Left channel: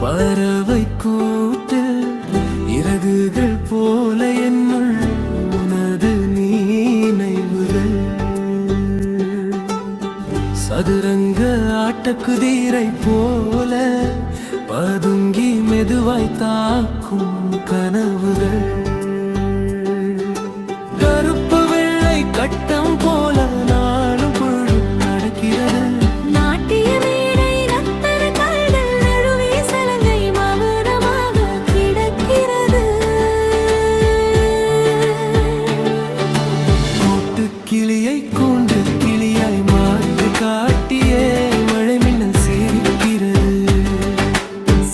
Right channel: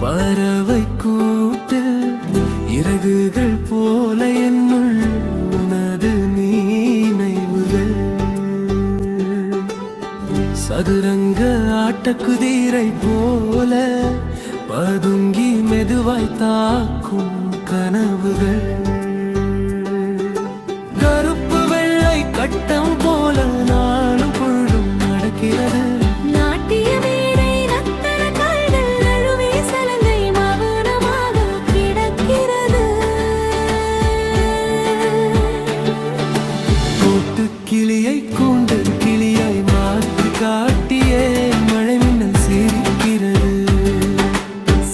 பறவை கூட்டில் இறகுகள் போல என்னுள் உனது நினைவுகள். சதுரங்க ஆட்டக்குதிரை போல பதுங்கி மெதுவாய் தாக்கும் கனவுகள். கருப்பு வெள்ளை கட்டம் போல நாளும் பொழுதும் நடக்கிறது. நாட்டிய மேடை நத்தன கால்கள் நழுவி சலங்கை மௌனமாக கிடக்கிறது. கூட்டு கிளியை கூண்டு கிளியாய் மாற்றி காட்டியே மழை மின்னல் சிரிக்கிறது.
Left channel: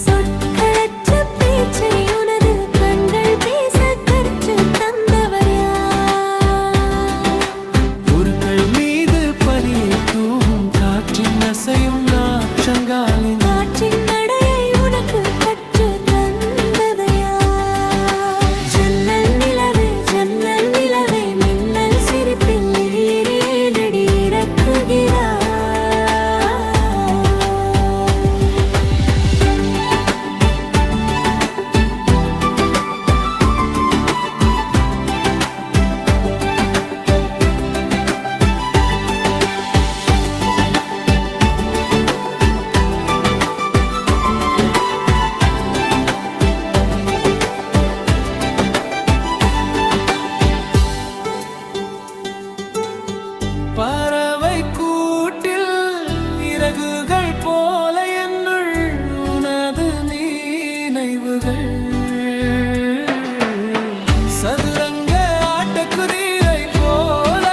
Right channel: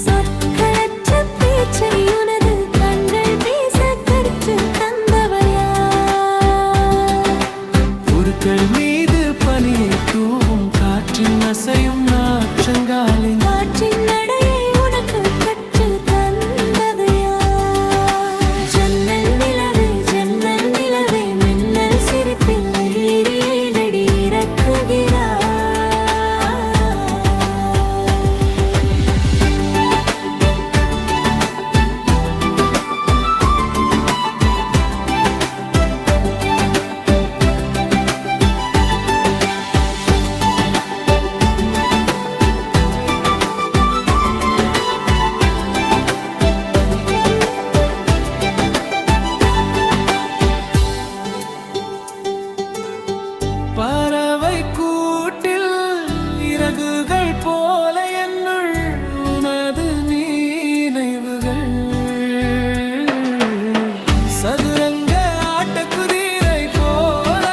சொற்களற்ற பேச்சை உனது கண்கள் பேச கற்று தந்தவர் யார்? பொருட்கள் மீது பனியை தூவும் காற்றின் அசையும் நாற்றங்காலின் காற்றின் நடையை உனக்கு கற்று தந்தது யார்? ஜன்னல் நிலவே மின்னல் சிரிப்பில் ஏறியே நடி இறக்குகிறார். பறவை கூட்டில் இறகுகள் போல என்னுள் உனது நினைவுகள். சதுரங்க ஆட்டக்குதிரை போல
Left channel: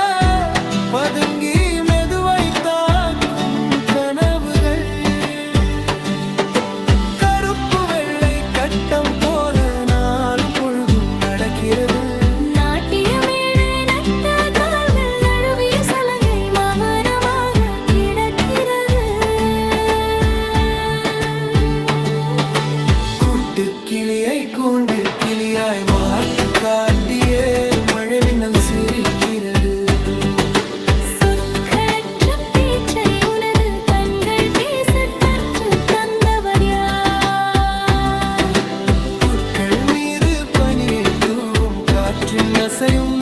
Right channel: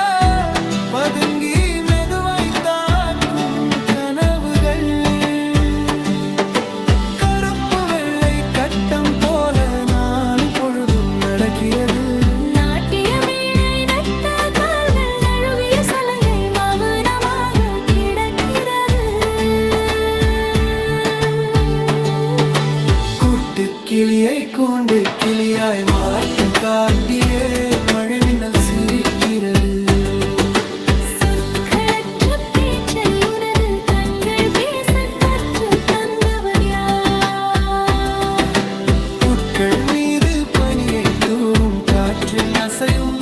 பதுங்கி மெதுவாய் தாக்கும் கனவுகள். கருப்பு வெள்ளை கட்டம் போல நாளும் பொழுதும் நடக்கிறது. நாட்டிய மேடை நட்ட கால்கள் நழுவிய சலங்கை மௌனமாக கிடக்கிறது. கூட்டு கிளியை கூண்டு கிளியாய் மாற்றும் காட்டியே மழை மின்னல் சிரிக்கிறது. சொற்களற்ற பேச்சை உனது கண்கள் பேச கற்று தந்தவர் யார்? புற்கள் மீது பனியை தூவும் காற்றின் அசையும்